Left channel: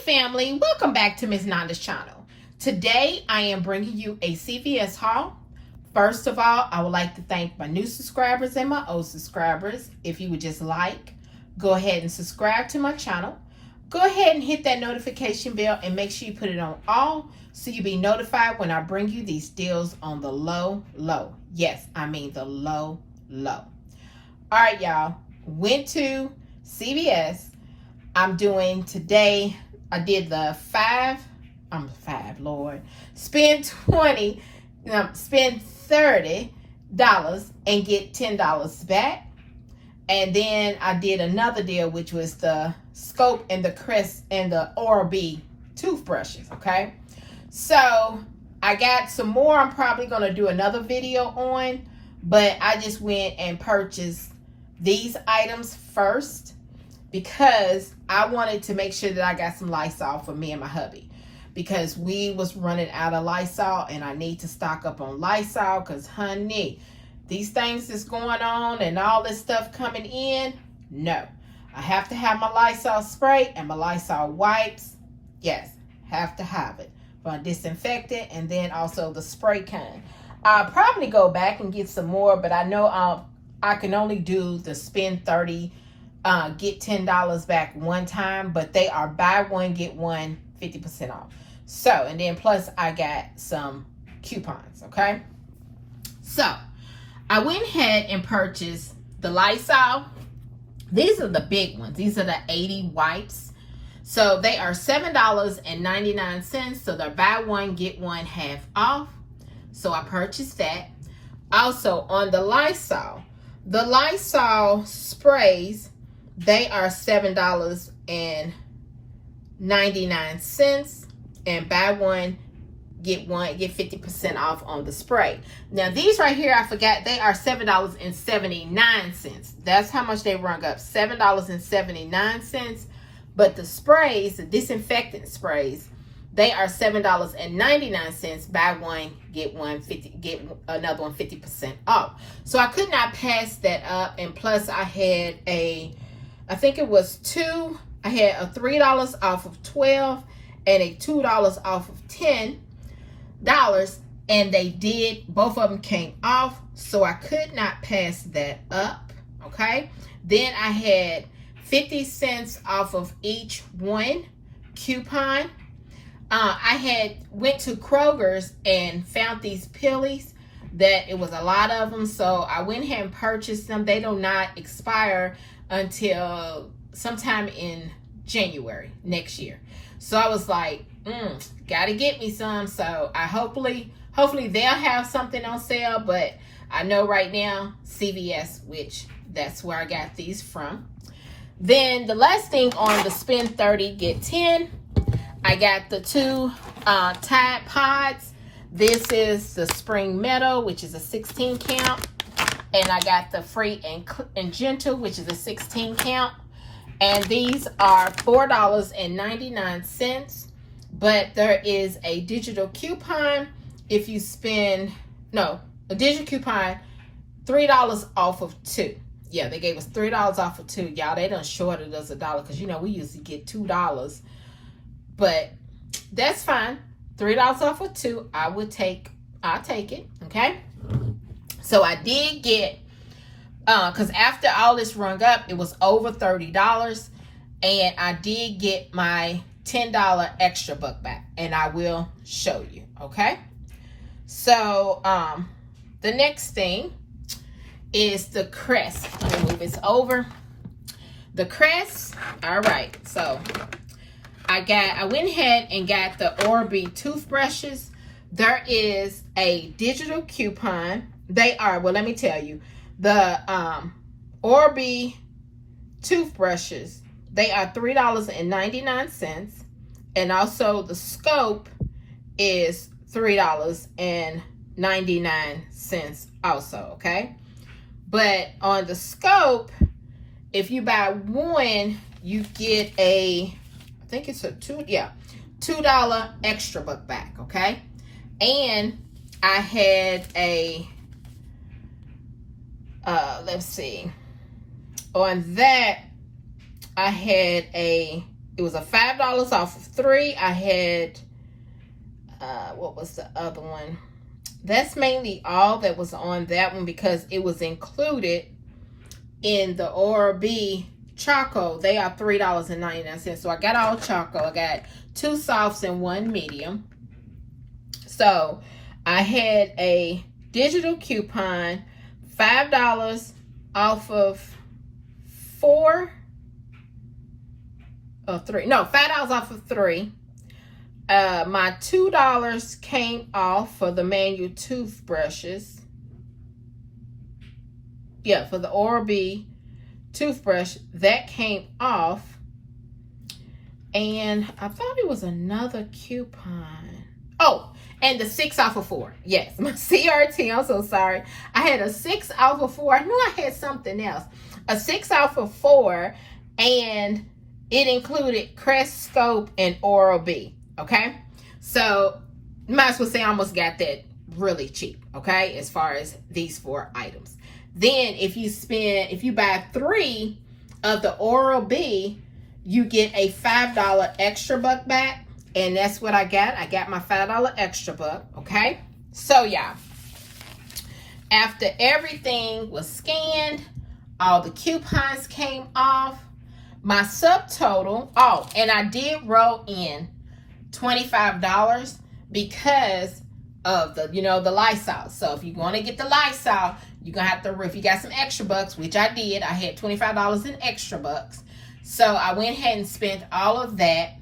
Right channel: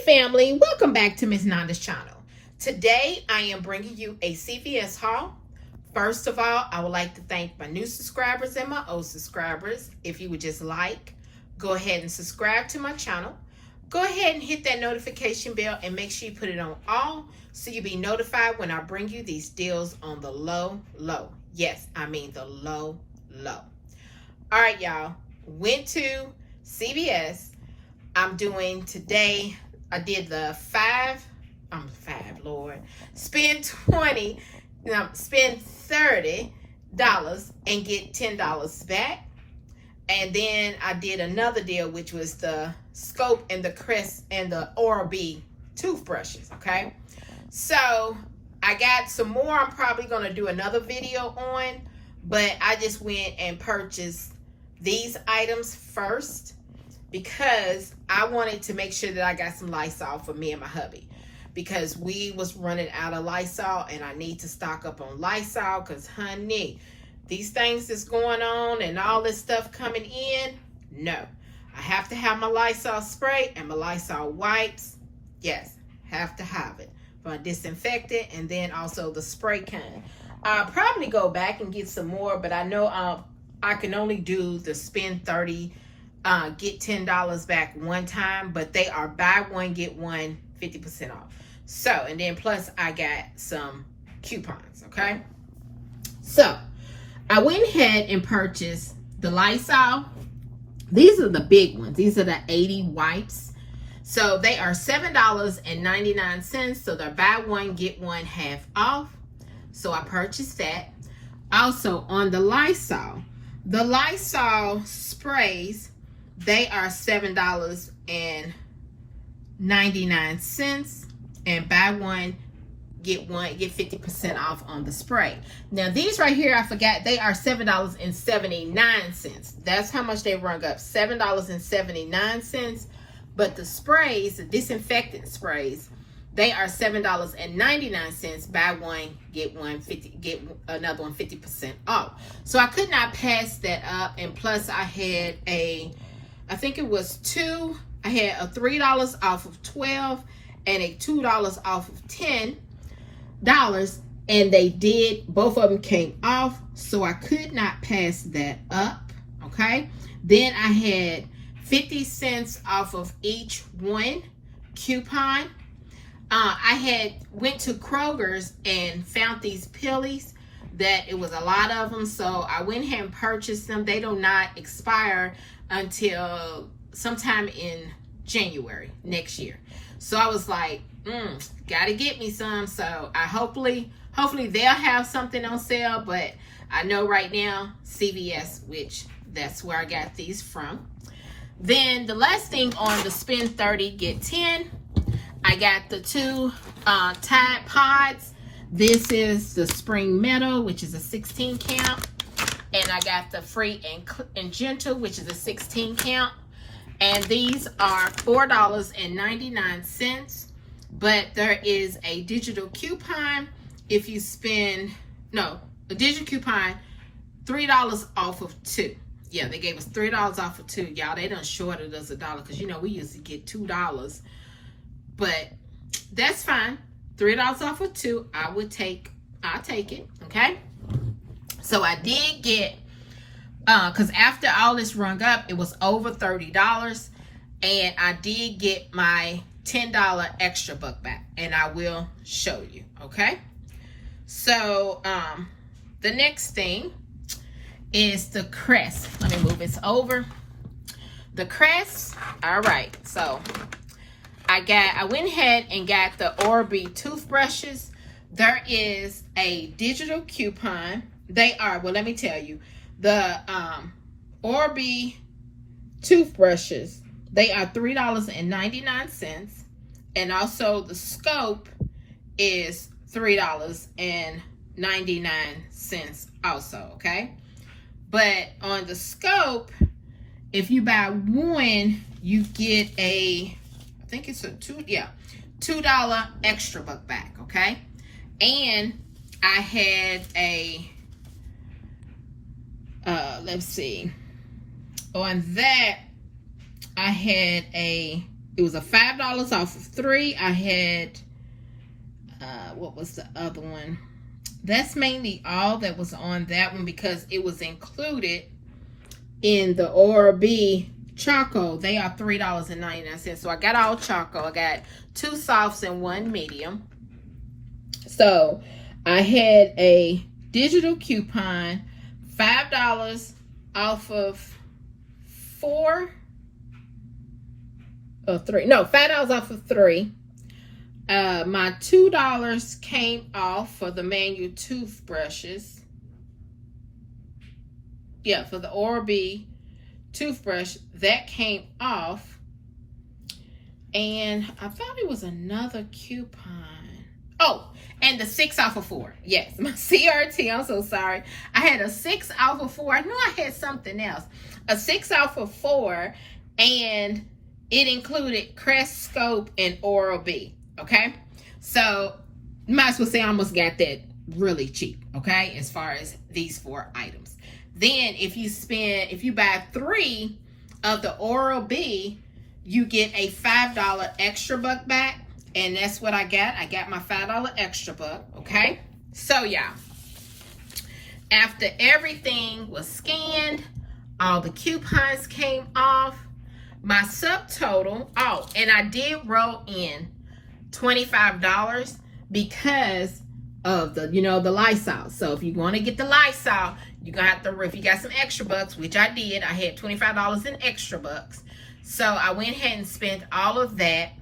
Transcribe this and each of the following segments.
family, welcome back to Miss Nanda's channel. Today I am bringing you a CVS haul. First of all, I would like to thank my new subscribers and my old subscribers. If you would just go ahead and subscribe to my channel. Go ahead and hit that notification bell and make sure you put it on all so you'll be notified when I bring you these deals on the low. Yes, I mean the low. All right, y'all. Went to CVS. I'm doing today, I did the spend $30 and get $10 back. And then I did another deal, which was the Scope and the Crest and the Orbeez Toothbrushes, okay? So I got some more I'm probably going to do another video on, but I just went and purchased these items first because I wanted to make sure that I got some Lysol for me and my hubby, because we was running out of Lysol and I need to stock up on Lysol because, honey, these things that's going on and all this stuff coming in, no. I have to have my Lysol spray and my Lysol wipes. Yes, have to have it for disinfectant, and then also the spray kind. I'll probably go back and get some more, but I know I can only do the spend 30 get $10 back one time, but they are buy one get one 50% off. So, and then plus I got some coupons, okay? So I went ahead and purchased the Lysol. These are the big ones. These are the 80 wipes. So they are $7.99. So they're buy one get one half off. So I purchased that. Also on the Lysol sprays, they are $7.99, and buy one get 50% off on the spray. Now these right here, I forgot, they are $7.79. That's how much they rung up, $7.79. But the sprays, the disinfectant sprays, they are $7.99. Buy one get another one 50% off. So I could not pass that up. And plus I had I think it was I had a $3 off of 12 and a $2 off of $10, and they did, both of them came off, so I could not pass that up, okay? Then I had 50 cents off of each one coupon. I went to Kroger's and found these pillies that it was a lot of them, so I went ahead and purchased them. They do not expire until sometime in January next year. So I was like, gotta get me some. So I hopefully they'll have something on sale, but I know right now CVS, which that's where I got these from. Then the last thing on the spend 30 get 10, I got the two Tide Pods. This is the Spring Meadow, which is a 16 count. And I got the Free and Gentle, which is a 16 count. And these are $4.99. But there is a digital coupon. If you spend, a digital coupon, $3 off of 2. Yeah, they gave us $3 off of 2. Y'all, they done shorted us $1 because, we used to get $2. But that's fine. $3 off of 2. I'll take it, okay? So I did get, because after all this rung up, it was over $30. And I did get my $10 extra buck back. And I will show you, okay? So the next thing is the Crest. Let me move this over. The Crest, all right. So I went ahead and got the Orbeez Toothbrushes. There is a digital coupon. They are, well, let me tell you, the Orbeez Toothbrushes, they are $3.99, and also the Scope is $3.99 also, okay? But on the Scope, if you buy one, you get I think it's a $2 extra buck back, okay? And I had let's see, on that I had a it was a $5 off of 3. I had, what was the other one? That's mainly all that was on that one because it was included in the Orbeez Choco. They are $3.99. So I got all Choco. I got 2 softs and 1 medium. So I had a digital coupon, $5 off of 4 or 3. No, $5 off of 3. My $2 came off for the manual toothbrushes. Yeah, for the Orbeez toothbrush, that came off. And I thought it was another coupon. Oh, and the 6 off of 4. Yes, my CRT, I'm so sorry. I had a 6 off of 4. I knew I had something else. A 6 off of 4, and it included Crest Scope and Orbeez. Okay, so you might as well say I almost got that really cheap. Okay, as far as these 4 items. Then if you buy 3 of the Orbeez, you get a $5 extra buck back, and that's what I got. I got my $5 extra buck. Okay, so y'all, after everything was scanned, all the coupons came off, my subtotal. Oh, and I did roll in $25 because of the, the Lysol. So if you want to get the Lysol, you're gonna have to, if you got some extra bucks, which I did, I had $25 in extra bucks. So I went ahead and spent all of that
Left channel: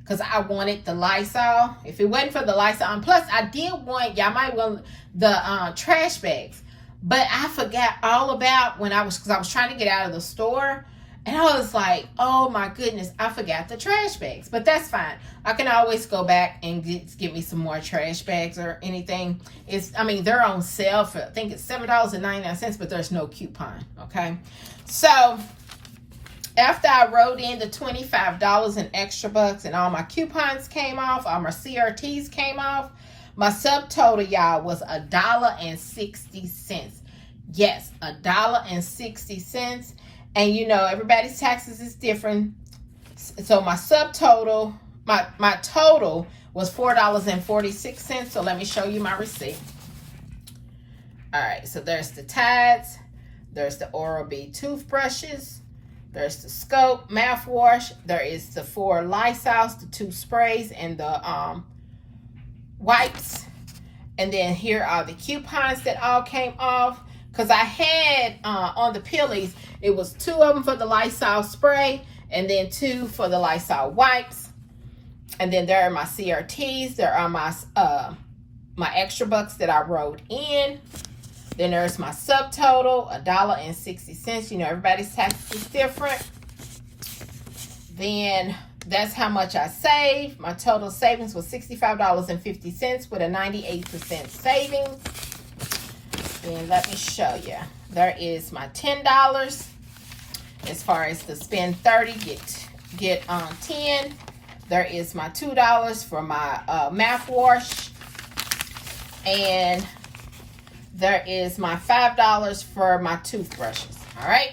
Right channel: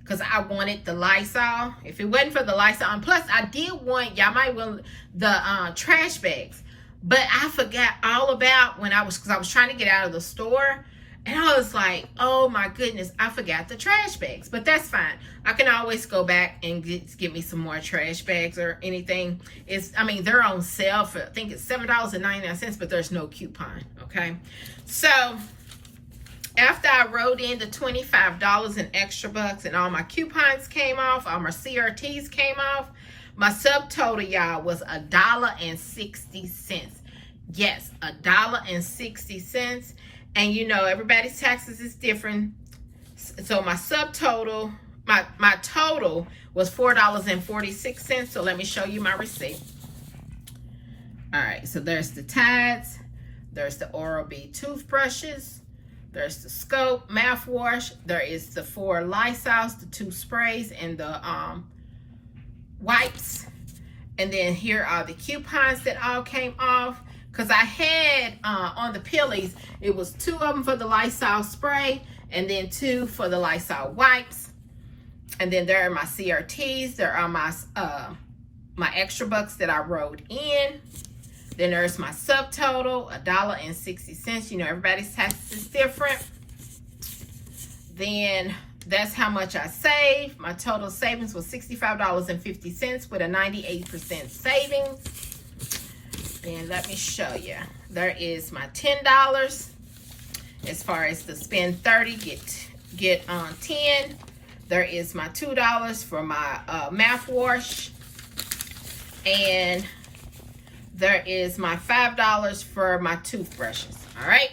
because I wanted the Lysol. If it wasn't for the Lysol, and plus I did want, y'all might want the trash bags, but I forgot all about because I was trying to get out of the store. And I was like, oh my goodness, I forgot the trash bags. But that's fine. I can always go back and get me some more trash bags or anything. They're on sale for, I think it's $7.99, but there's no coupon, okay? So after I wrote in the $25 in extra bucks and all my coupons came off, all my CRTs came off, my subtotal, y'all, was $1.60. Yes, $1.60. And everybody's taxes is different. So my subtotal, my total was $4.46. So let me show you my receipt. All right, so there's the Tides, there's the Orbeez toothbrushes, there's the Scope mouthwash, there is the 4 Lysols, the 2 sprays, and the wipes. And then here are the coupons that all came off. Because I had on the Pillies, it was 2 of them for the Lysol spray and then 2 for the Lysol wipes. And then there are my CRTs. There are my extra bucks that I wrote in. Then there's my subtotal, $1.60. Everybody's taxes is different. Then that's how much I saved. My total savings was $65.50 with a 98% savings. Then let me show you. There is my $10. As far as the spend 30, get on 10. There is my $2 for my mouthwash. And there is my $5 for my toothbrushes. All right.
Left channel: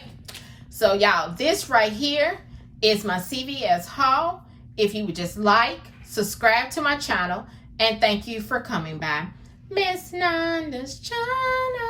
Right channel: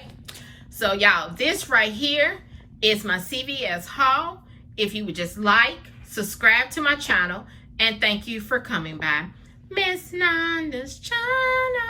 So y'all, this right here is my CVS haul. If you would just like, subscribe to my channel, and thank you for coming by Miss Nanda's channel.